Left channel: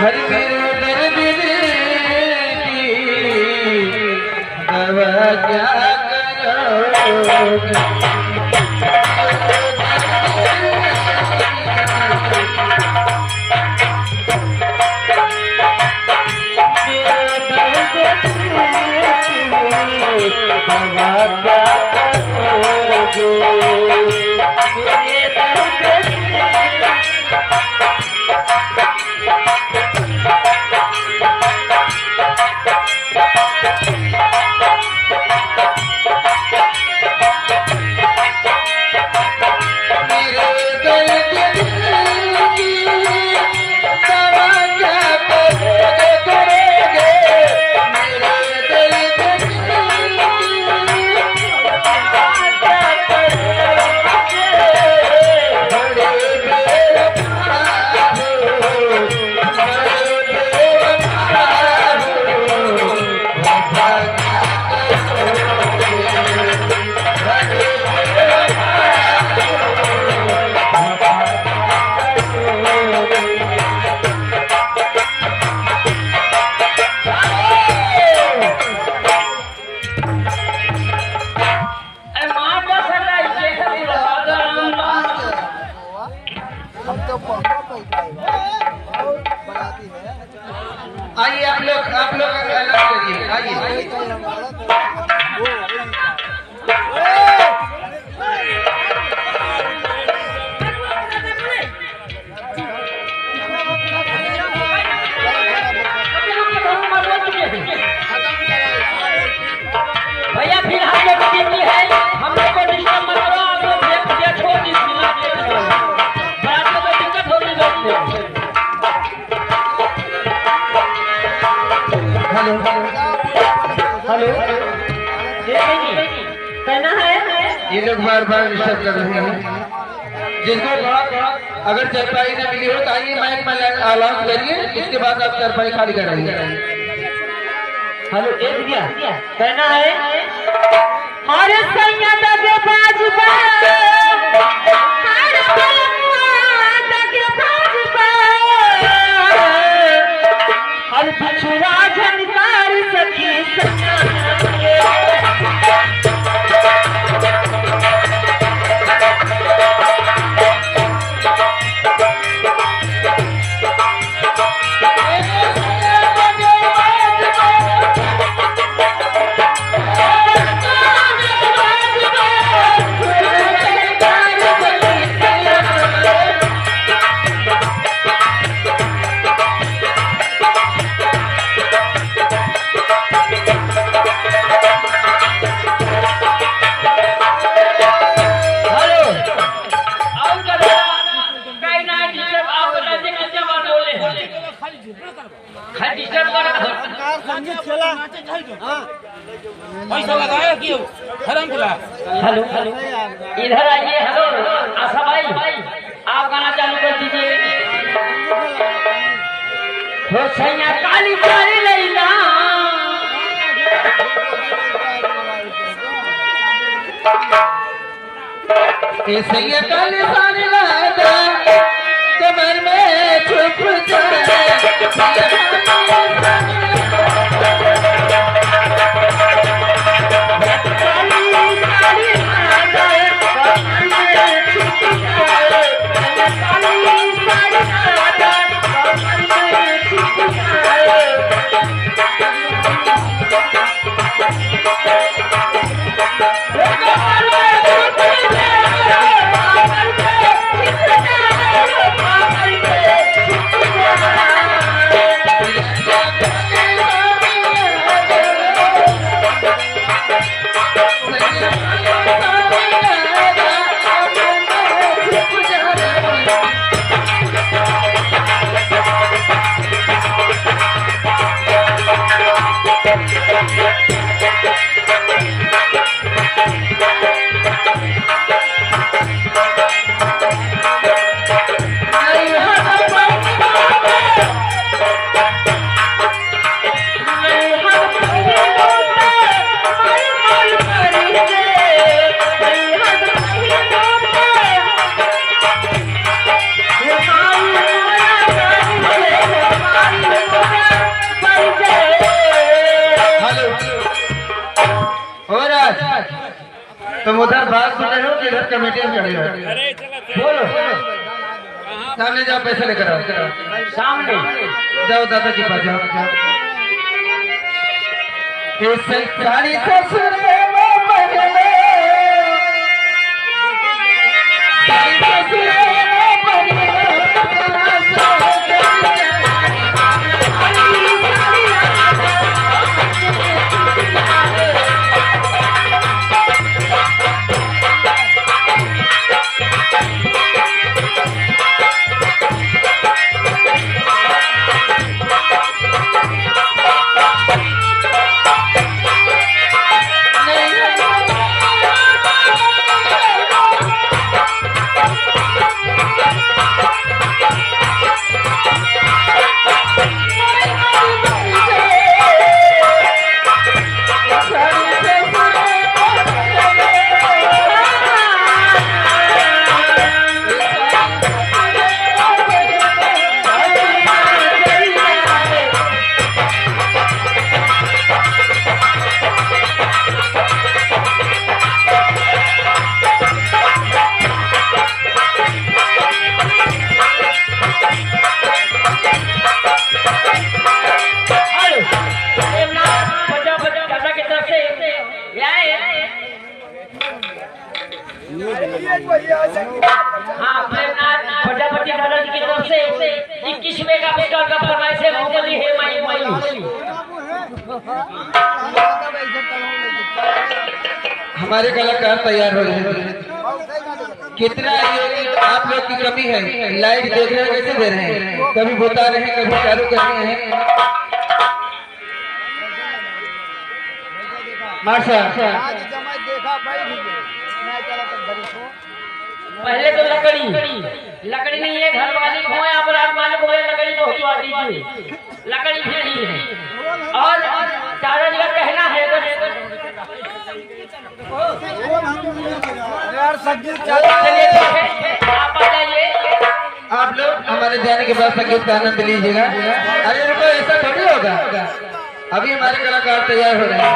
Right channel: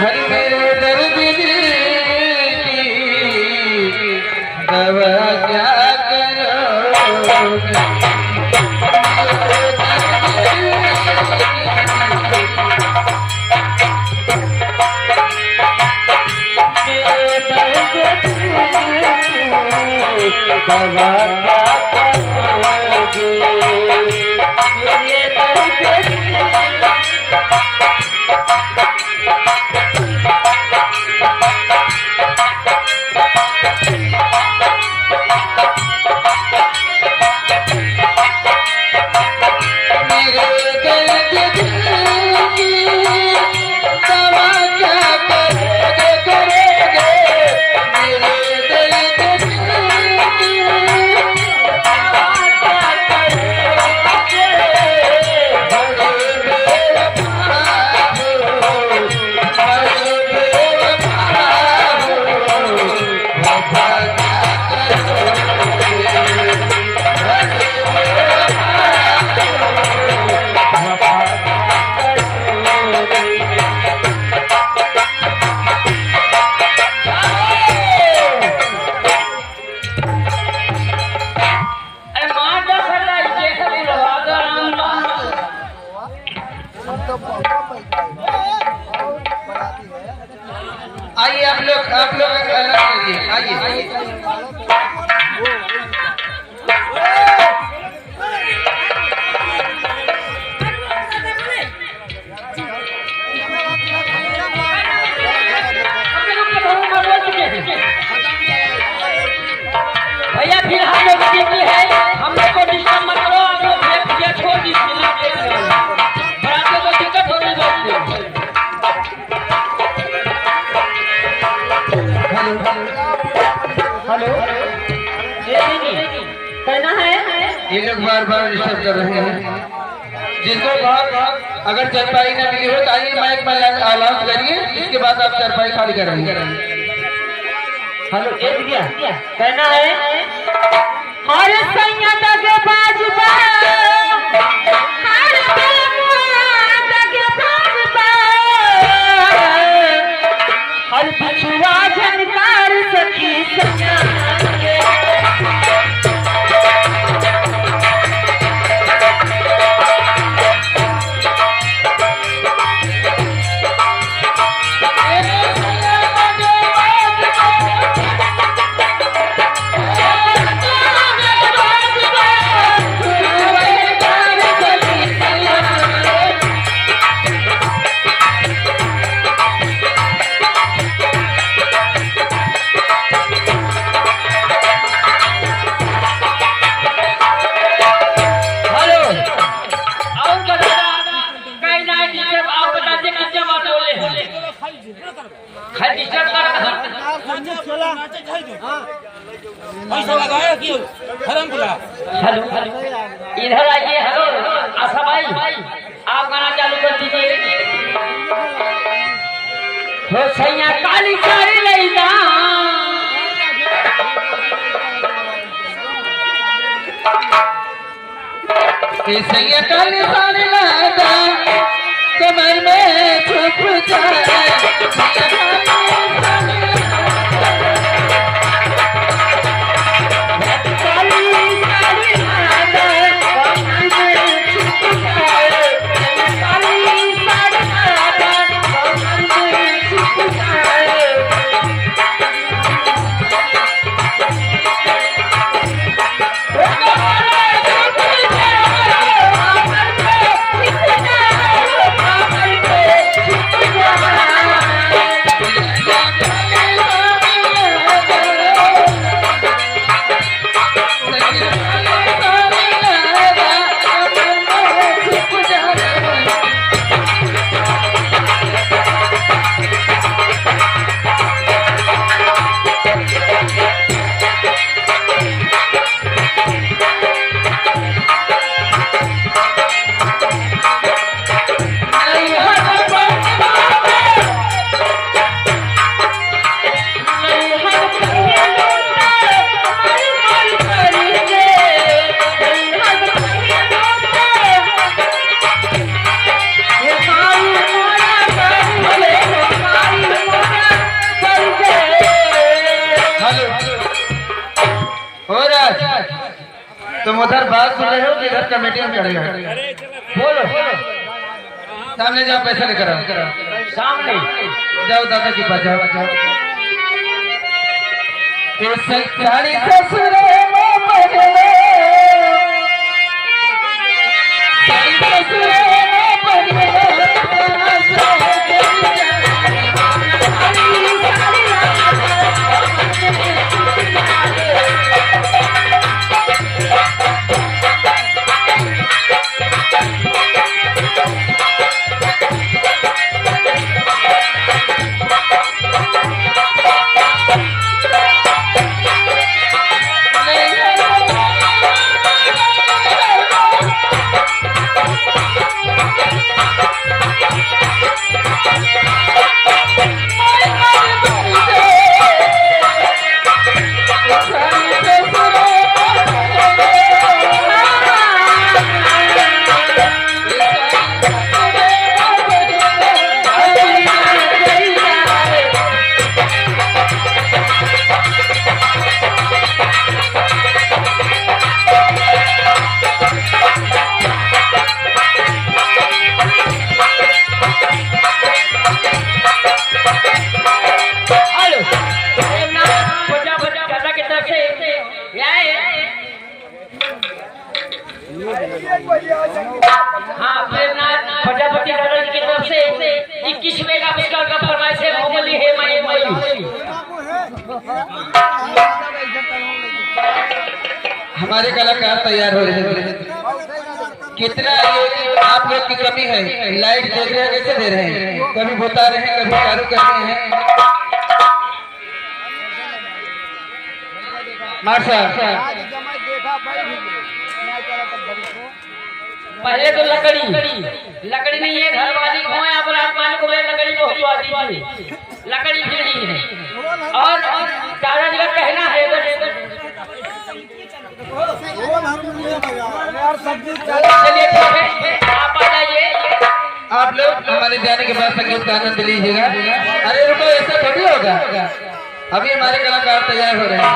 हरि मेरे दर्द की दवा क्या करोगे। आइए आप लोग अलग करिए। आइए भैया फिर हम लोग ड्यूटी है, हम लोग को डिस्टर्ब मत करो। आप लोग भैया छोड़ दीजिए, बराबर में दिक्कत होने लगती है। हेलो हेलो कहना है, ये लोग बार डिस्टर्ब कर रहे हैं। जिनको अगर चरपाई न मिली हो तो आइए माइक में अनाउंस करिए, इसके बाद आप चरपाई खाली कराइए। हेलो कहना है, और सैयद के बाजबा हर पिछुआ झनकार सखी पैसा लगाया क्यों हरम पुला। इधर आइए। हेलो आशा भाई, आप गाना चालू कर दीजिए। हो सैया काली काली लैला ए सैया काली काली लैला कमर में छुप जाए। तुम उधर बात सुन रहे हो कि इधर कमेटी में खड़े हो? बोलो, सामने जाओ, पैसा लेकर आओ। सामने जाओ दादा के पास जाओ। साड़ी ससुर में पगले, साड़ी ससुर में पगले, हाँ प्रजापति दादा की तरफ से 21वें का बेकार का फरमाइश है। मोहम्मदी है माई हमारे कलाकार तैयार हो रहे हैं। कितना ये आप लोग की कमी है। लाइट देख रहे हैं कैसे दे रहे हैं, कभी बता रहे हैं, कभी चालू कर रहे हैं। माशा पहले तो लकड़ी नहीं है, घर वाली हो या पर आप मालिक हो, लकड़ी तो होती दीजिए, लकड़ी फेरी है। और दादा जी का कहना है चलिए ठीक है, आप आ जाइए। आप लोग हमारे जाने के बाद संगीत का आनंद लीजिएगा। अरे रुको, ऐसा थोड़ी होगा, अभी हमारे कलाकार तैयार हो रहे हैं।